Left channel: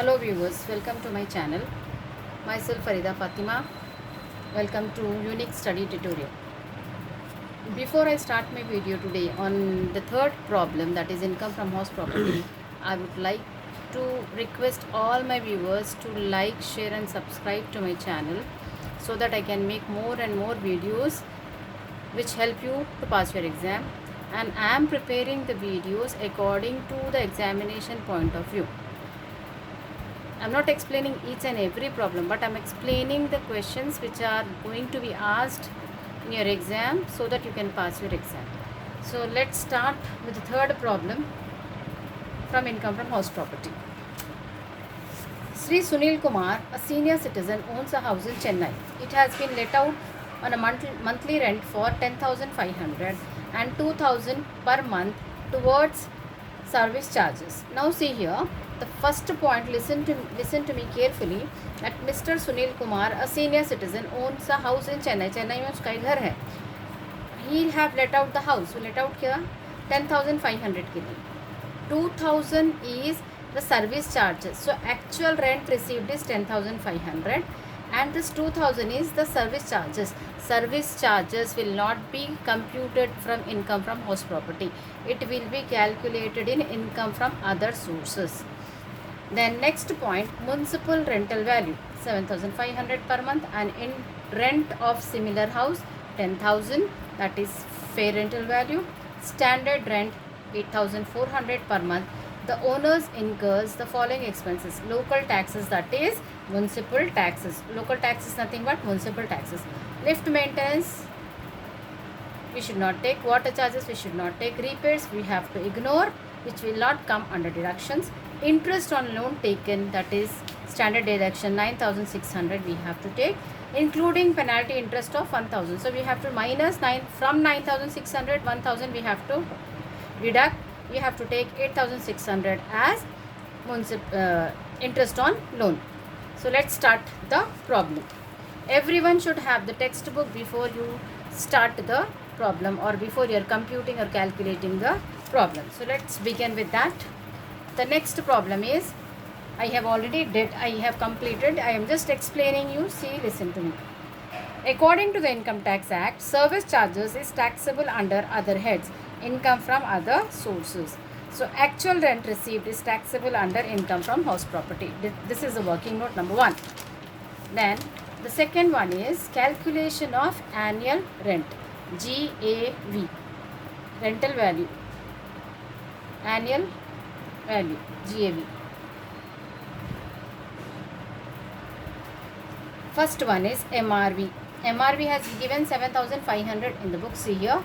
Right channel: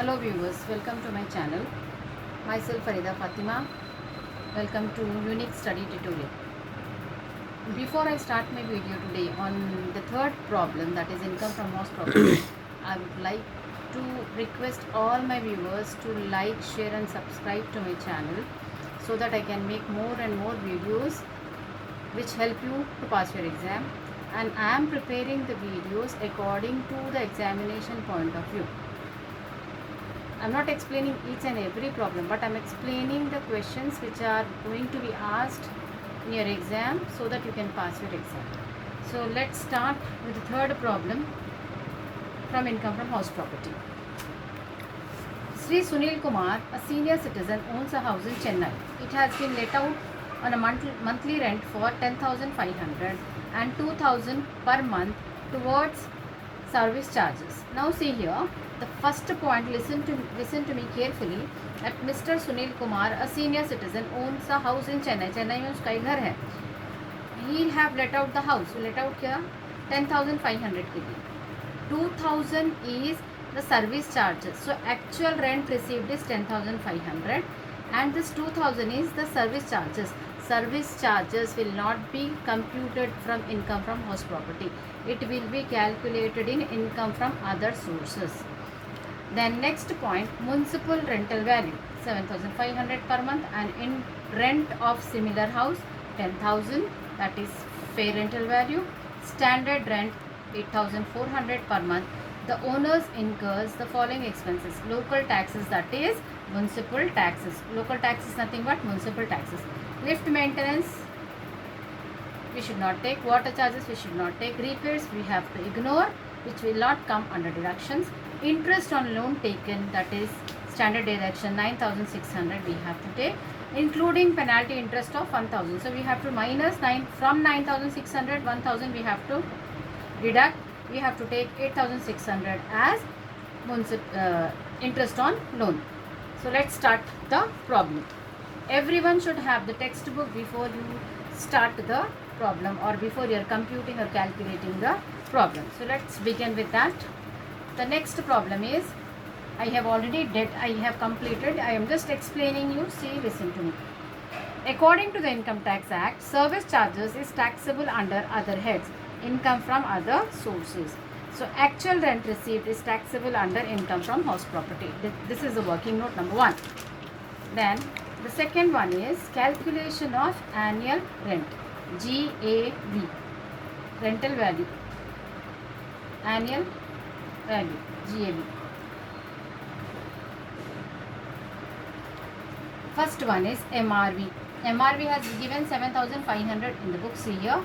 Hello viewers, welcome to my channel. Myself Farida Fatima. Welcome to Unique Study Tutorial. Before I start my video today on the third problem, that is income from house property, I would like to request all my viewers to like, share and subscribe to my channel so that I can make more and more videos which help you to pass your exam, and I am preparing the videos according to the examination point of view. I'm not explaining each and every problem, but I'm explaining the questions which are going to be asked in your exam so that you can pass your exam. So let's start with the third problem from income from house property. Sri Sunil Kumar, a senior citizen, owns a house in Chennai. It has been let out on a monthly rent for 10,500 and 2,000 per month towards service charges. Now see here, the first point, listen to me carefully, that Mr. Sunil Kumar, a senior citizen, owns a house in Chennai. Chennai में उसका एक घर है. He have let out the house. Let out क्या? 10,500 के लिए. 2,000 is the service charges. So actual rent received is 10,500 and this 2,000 is the service charges. Service charges will not be computed from income from house property. It will be calculated in income from other sources. Then next point, municipal rental value 7,500 per month, and in rent of similar house 10,000, that is fair rental value. Standard rent 8,400 per month. The owners incurs the following expenses: local taxes, that is municipal taxes. Local taxes nothing but municipal taxes. Lift maintenance we should not take. Water charges we should not take. Repairs we have to ignore, which will not come under deductions. Interest on loan taken, that is standard deduction 9,600 we have to take, including penalty interest of 1,000. So we have to minus 9 from 9,600, 1,000 we have to deduct. We have to take 8,600 as interest on loan. So let's start the problem. Everyone should have the textbook before you start the problem or before you are computing or calculating the problem. So let's begin with that. The next problem is, I have completed. I am just explaining you. See, listen to me. According to the Income Tax Act, service charges is taxable under other heads, income from other sources. So actual rent received is taxable under income from house property. This is the working note number 1. Then the second one is calculation of annual rent, GAV, rental value, annual value, GAV. First one is MRV. MRV has given 7,500 in the book. See here,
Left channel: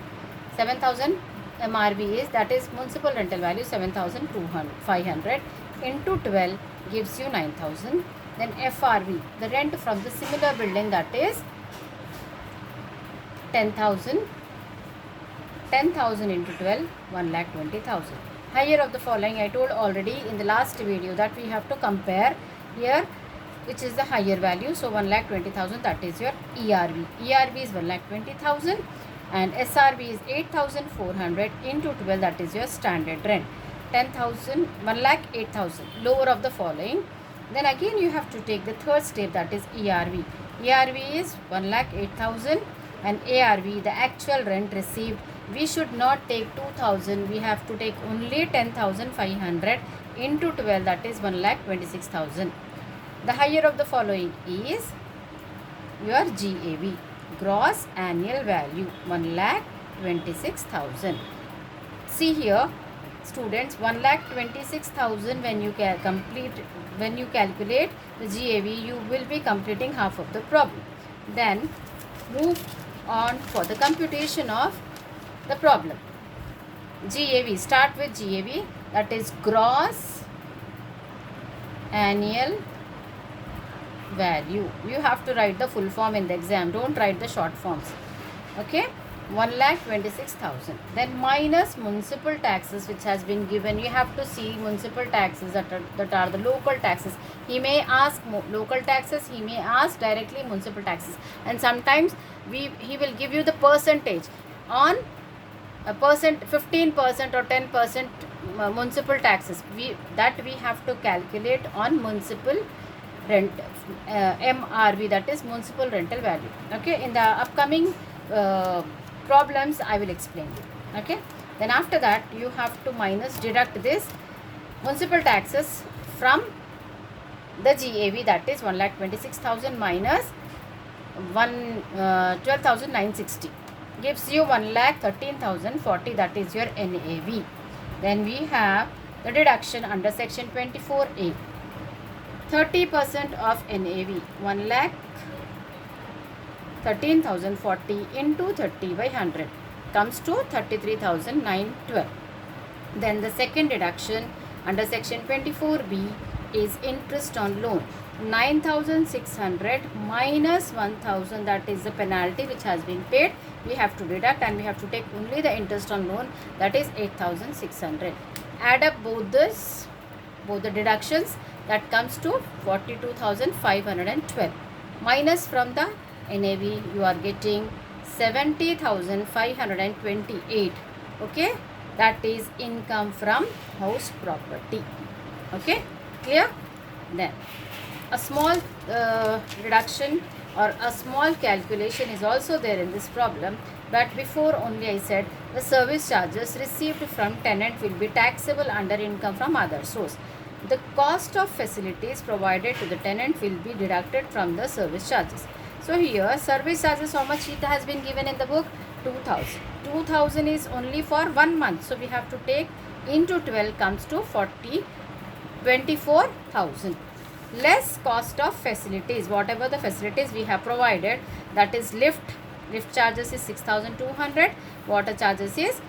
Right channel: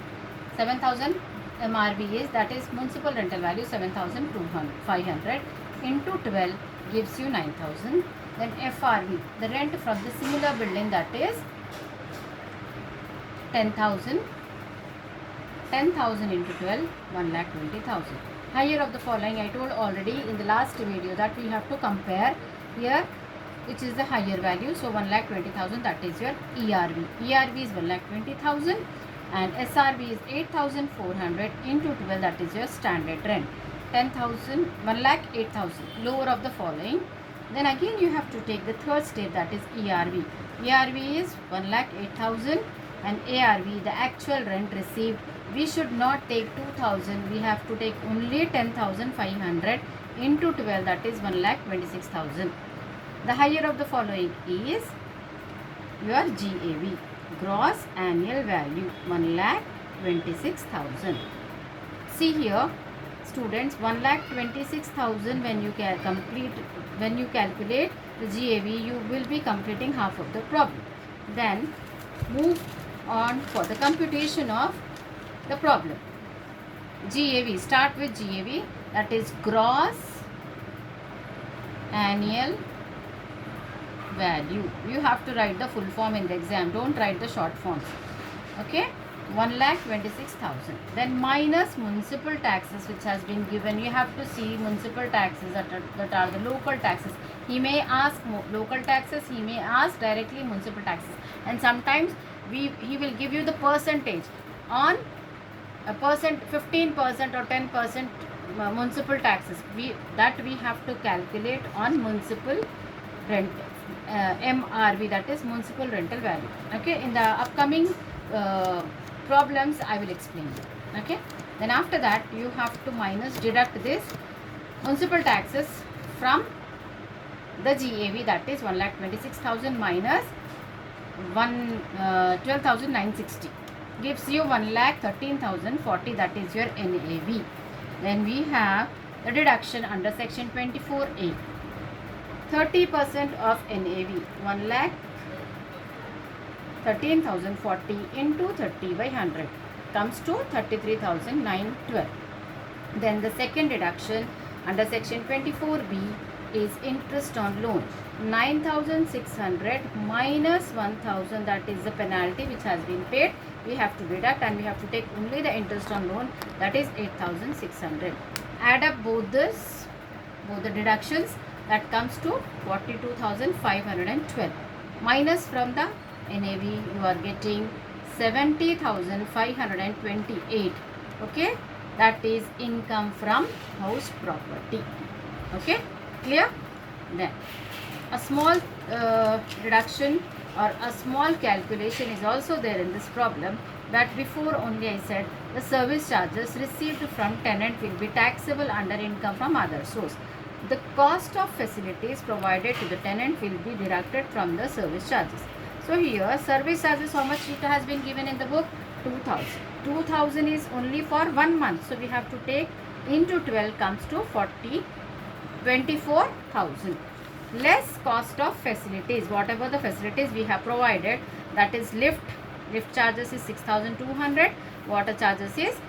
7,000 MRV is, that is municipal rental value 7,500 into 12 gives you 9,000. Then FRV, the rent from the similar building, that is 10,000. 10,000 into 12, 1,20,000. Higher of the following, I told already in the last video that we have to compare here which is the higher value. So 1,20,000, that is your ERV. ERV is 1,20,000 and SRV is 8,400 into 12, that is your standard rent. 10,000, 1,08,000, lower of the following. Then again you have to take the third step, that is ERV. ERV is 1,08,000 and ARV, the actual rent received, we should not take 2,000, we have to take only 10,500 into 12, that is 1,26,000. The higher of the following is your GAV, gross annual value, 1,26,000. See here, students, 1,26,000 when you calculate the GAV, you will be completing half of the problem. Then move on for the computation of the problem. GAV, start with GAV, that is gross annual value. You have to write the full form in the exam, don't write the short forms. Okay, 1,26,000. Then minus municipal taxes which has been given. You have to see municipal taxes that are the local taxes. He may ask local taxes, he may ask directly municipal taxes, and sometimes he will give you the percentage on a percent, 15% or 10% municipal taxes that we have to calculate on municipal rent, MRV, that is municipal rental value. Okay, in the upcoming problems I will explain you. Okay, then after that you have to deduct this municipal taxes from the GAV, that is 1,26,000 minus 12,960 gives you 1,13,040, that is your NAV. Then we have the deduction under section 24A. 30% of NAV, 1,13,040 into 30 by 100 comes to 33,912. Then the second deduction under section 24B is interest on loan. 9,600 minus 1,000, that is the penalty which has been paid. We have to deduct and we have to take only the interest on loan, that is 8,600. Add up both the deductions, that comes to 42,512. Minus from the NAV you are getting 70,528. Okay, that is income from house property. Okay, clear? Then a small reduction or a small calculation is also there in this problem, but before only I said the service charges received from tenant will be taxable under income from other source. The cost of facilities provided to the tenant will be deducted from the service charges. So here service charges, how much it has been given in the book? 2,000. 2,000 is only for 1 month, so we have to take into 12 comes to 24,000. Less cost of facilities, whatever the facilities we have provided, that is lift charges is 6,200, water charges is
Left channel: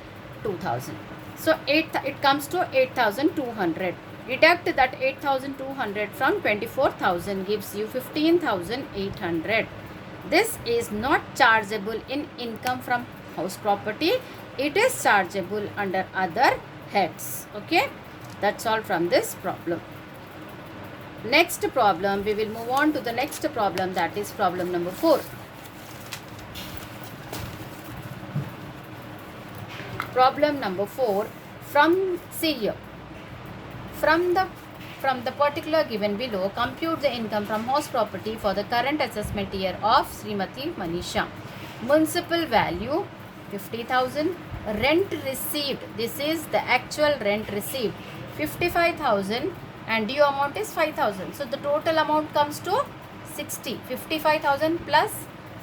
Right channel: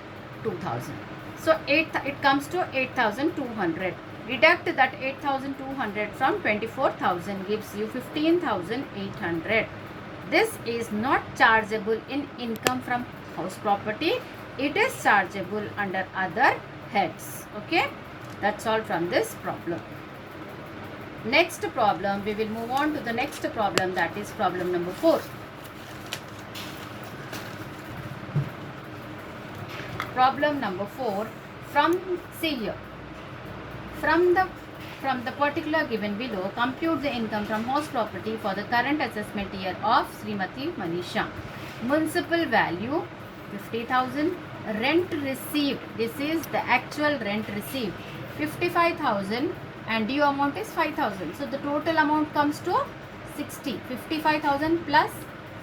2,000. So it comes to 8,200. Deduct that 8,200 from 24,000 gives you 15,800. This is not chargeable in income from house property. It is chargeable under other heads. Okay, that's all from this problem. Next problem, we will move on to the next problem, that is problem number 4. Problem number 4, see here, from the particular given below, compute the income from house property for the current assessment year of Srimati Manisha. Municipal value 50,000, rent received, this is the actual rent received, 55,000, and due amount is 5,000. So the total amount comes to 60. 55,000 plus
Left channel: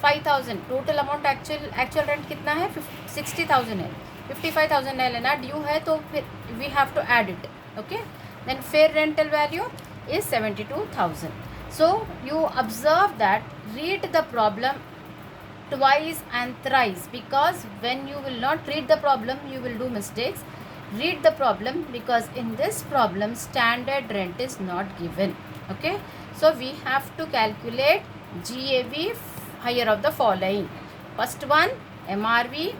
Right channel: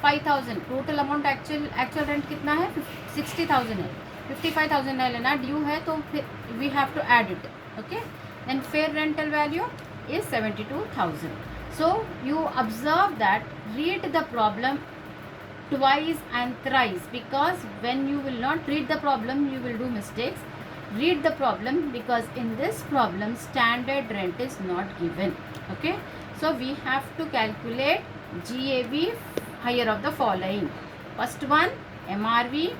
5,000, total amount actual rent कितना है? 60,000 है. 55,000 है लेना, due है तो फिर we have to add it. Okay, then fair rental value is 72,000. So you observe that, read the problem twice and thrice, because when you will not read the problem you will do mistakes. Read the problem, because in this problem standard rent is not given. Okay, so we have to calculate GAV higher of the following. First one MRV,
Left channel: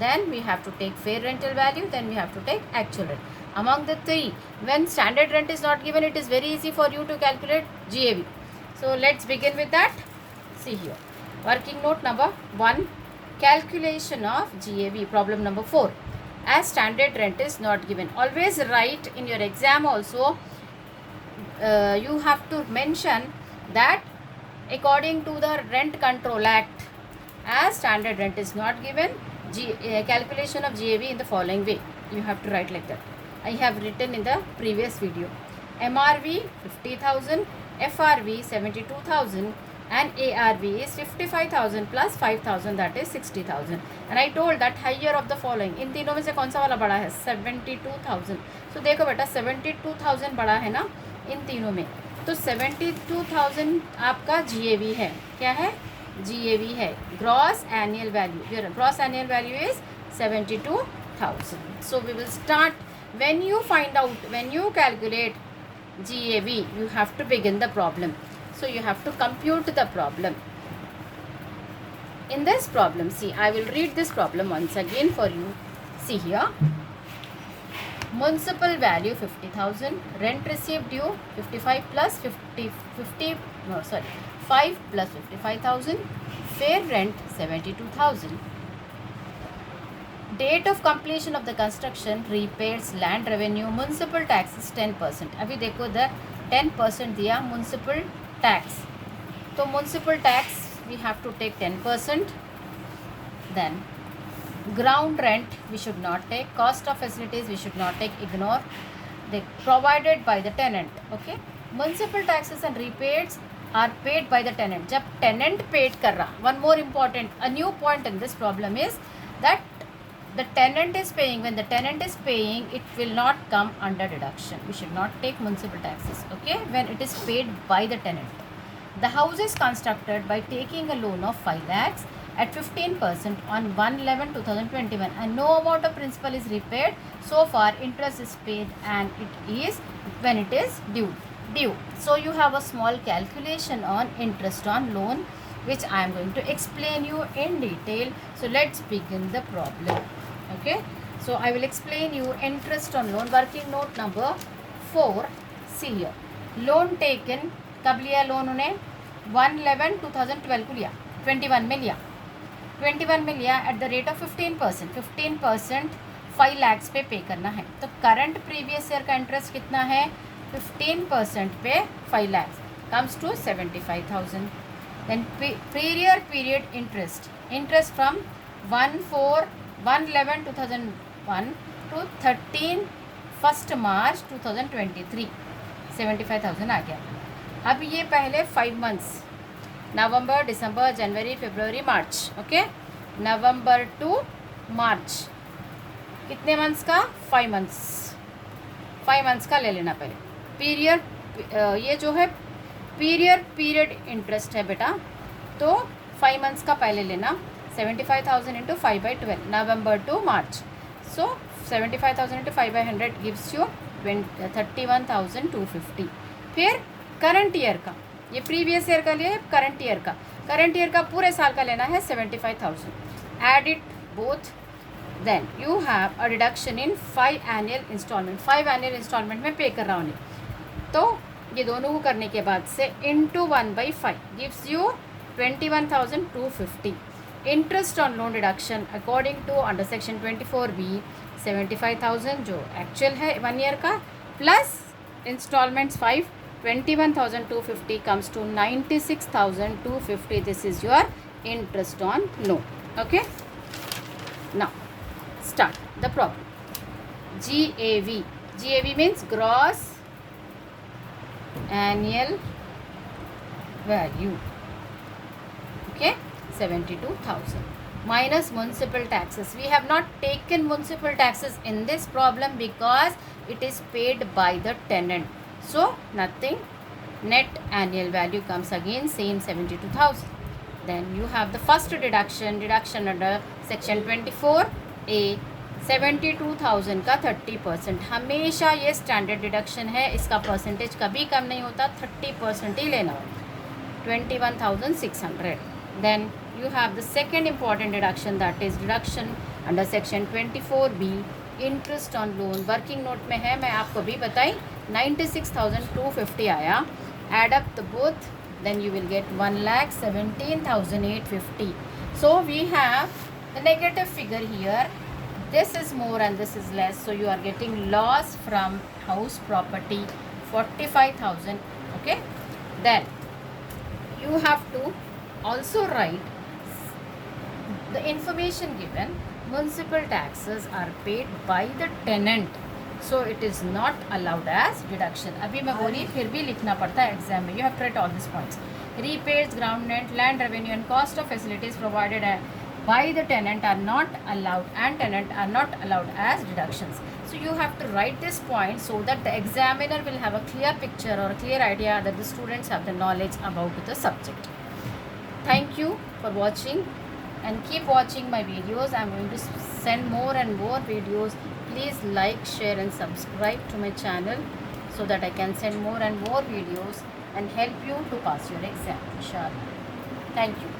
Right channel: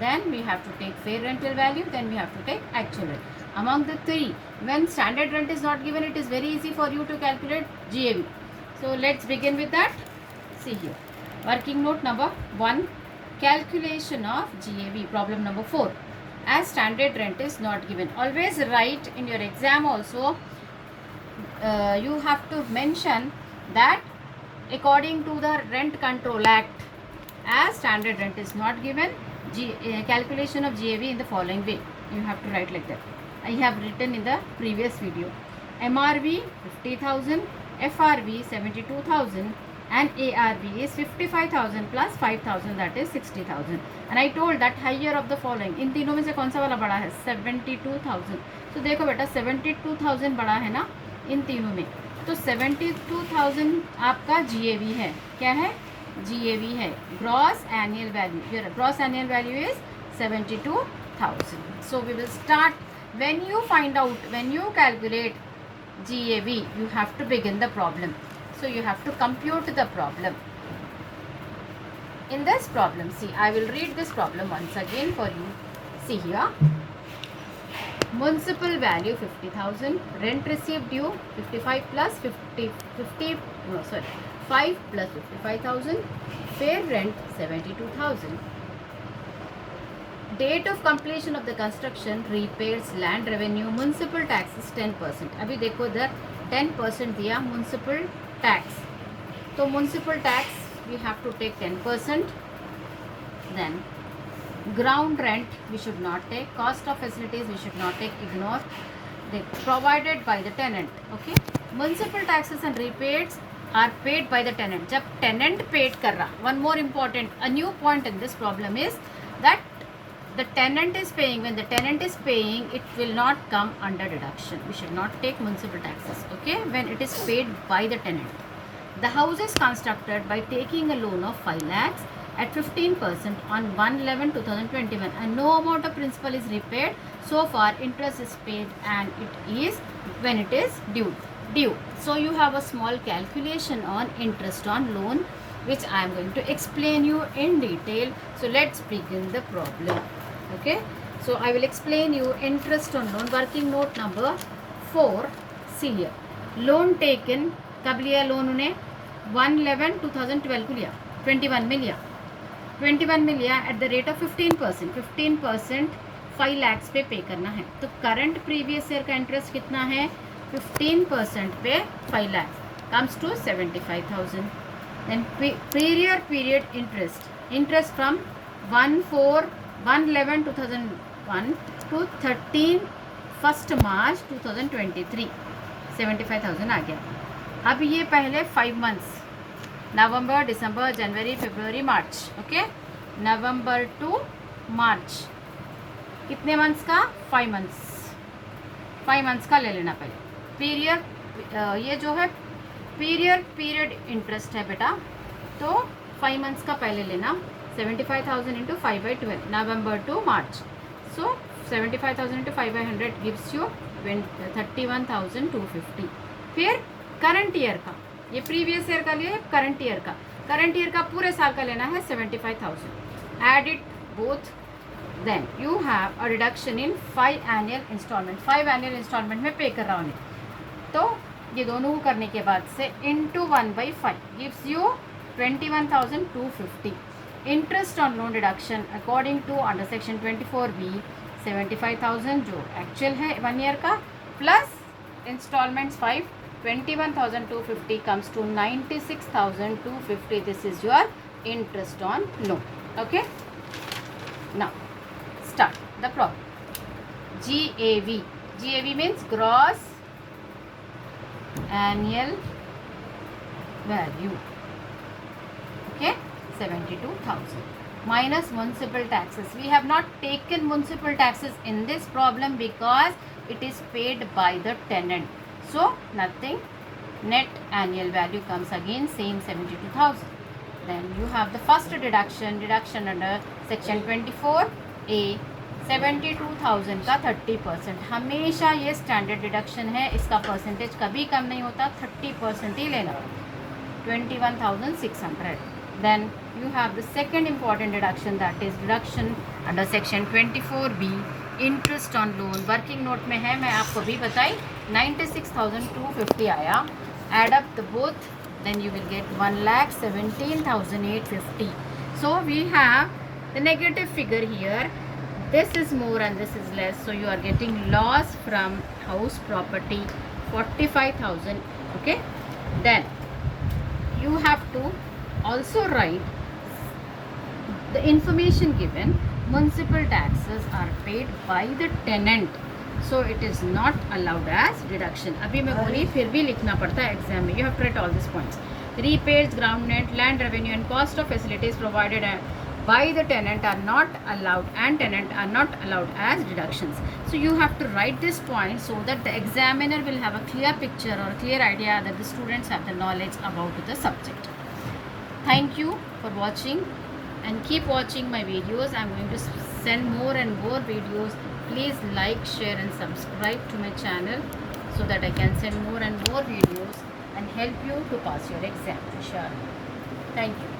then we have to take fair rental value, then we have to take actual rent. Among the three, when standard rent is not given, it is very easy for you to calculate GAV. So let's begin with that. See here, working note number 1, calculation of GAV, problem number 4. As standard rent is not given, always write in your exam also, you have to mention that according to the Rent Control Act, as standard rent is not given, calculation of GAV in the following way. You have to write like that. I have written in the previous video. MRV 50,000, FRV 72,000, and ARV is 55,000 plus 5,000, that is 60,000. And I told that higher of the following, इन तीनों में से कौन सा वाला बड़ा है? 72,000. So देखो बेटा 72,000 बड़ा है ना इन तीनों में, तो 72,000 आपका GAV है. क्या है? GAV है, gross annual value. Your gross annual value is 72,000. So we will start. When you find out, when you calculate GAV, you have to begin the problem. So you have to compute the problem. In this problem, see, I will read this problem once again for you. See here, municipal value 50,000, rent received due 55 plus 5 plus 55,000, fair rent 72,000. Date of completion of the construction, repairs, land revenue, municipal taxes 10%. अभी देखो इधर 10% दिया municipal tax, तो municipal tax we have to take 10%. Then ground rent we should not take, cost of facilities we should not take, ignore. They provided by the tenant. Okay, municipal taxes and rebates are paid by the tenant. जब tenant paid कर रहा, one more important, a new point in this problem is that the tenant is paying. When the tenant is paying, it will not come under deduction. We should not take municipal taxes. Okay, when it is paid by the tenant. The house is constructed by taking a loan of 5 lakhs at 15% on 1/11/2021, and no amount of principal is repaid. So far interest is paid and it is when it is due. So you have a small calculation on interest on loan which I am going to explain you in detail. So let's begin the problem. Okay, so I will explain you interest on loan. Working note number 4. See here, loan taken कब लिया loan उन्हें 1/11/2012 को लिया, 21 में लिया, 21 में लिया at the rate of 15%. 15% 5 lakhs पे पे करना है. तो करंट प्रीवियस ईयर का इंटरेस्ट कितना है, 15% पे 5 lakhs comes to 75,000. Then period interest from 1/11/2001 to 13 March 2023 75,000 आ गया. अब ये पहले 5 months, नवंबर, दिसंबर, जनवरी, फरवरी, मार्च. ओके, नवंबर टू मार्च, कितने मंथ्स का, 5 months. 5 months का ले लेना पहले. पीरियड ये जो है पीरियड इंटरेस्ट है बेटा, तो 5 months का पहले लेना. 75,000 into 5/12, November to March. So 75,000 into 5/100 gives you 31,250. फिर करंट ईयर का, ये प्रीवियस ईयर का लिए करंट ईयर का पूरे साल का लेना है 75,000. Add it both. Then you have a reduction in 5 annual installment. 5 annual installment में पे कर रहा हूँ. तो ये दोनों को करने के बाद से into 1/5 gives you 21,250. Interest on loan deduction according to under section 24B 75,000 जो एक्चुअल है 1 year का, plus instalments 5, 21,250 comes to 96,250. This is your interest on loan. Okay, now start the problem. GAV means gross annual value. Okay, 72,000 minus municipal taxes. We have not taken municipal taxes in this problem because it is paid by the tenant. So nothing. Net annual value comes again same 72,000. Then you have the first deduction under section 24A 72,000 का 30%. हमेशा ये standard deduction है, इसका percentage कभी कम नहीं होता, 30% ही लेना. 21,600. Then you have the second important deduction, that is deduction under section 24B interest on loan. Working note में है, मैं आपको भी बताई, 96,250 आया. Add up the both, then you will get 1,17,850. So we have the negative figure here. This is more and this is less, so you are getting loss from house property 45,000. Okay, then you have to also write the information given. Municipal taxes are paid by the tenant, so it is not allowed as deduction. अभी मैं बोली फिर भी लिखना पड़ता है exam में. You have to write all these points. Repairs, ground rent, land revenue and cost of facilities provided by the tenant are not allowed, and tenant are not allowed as deductions. So you have to write this point so that the examiner will have a clear picture or a clear idea that the students have the knowledge about the subject. Thank you for watching. And keep watching my videos. I'm going to send more and more videos. Please like, share and subscribe to my channel so that I can send more and more videos and help you to pass your exam. Inshallah. Thank you.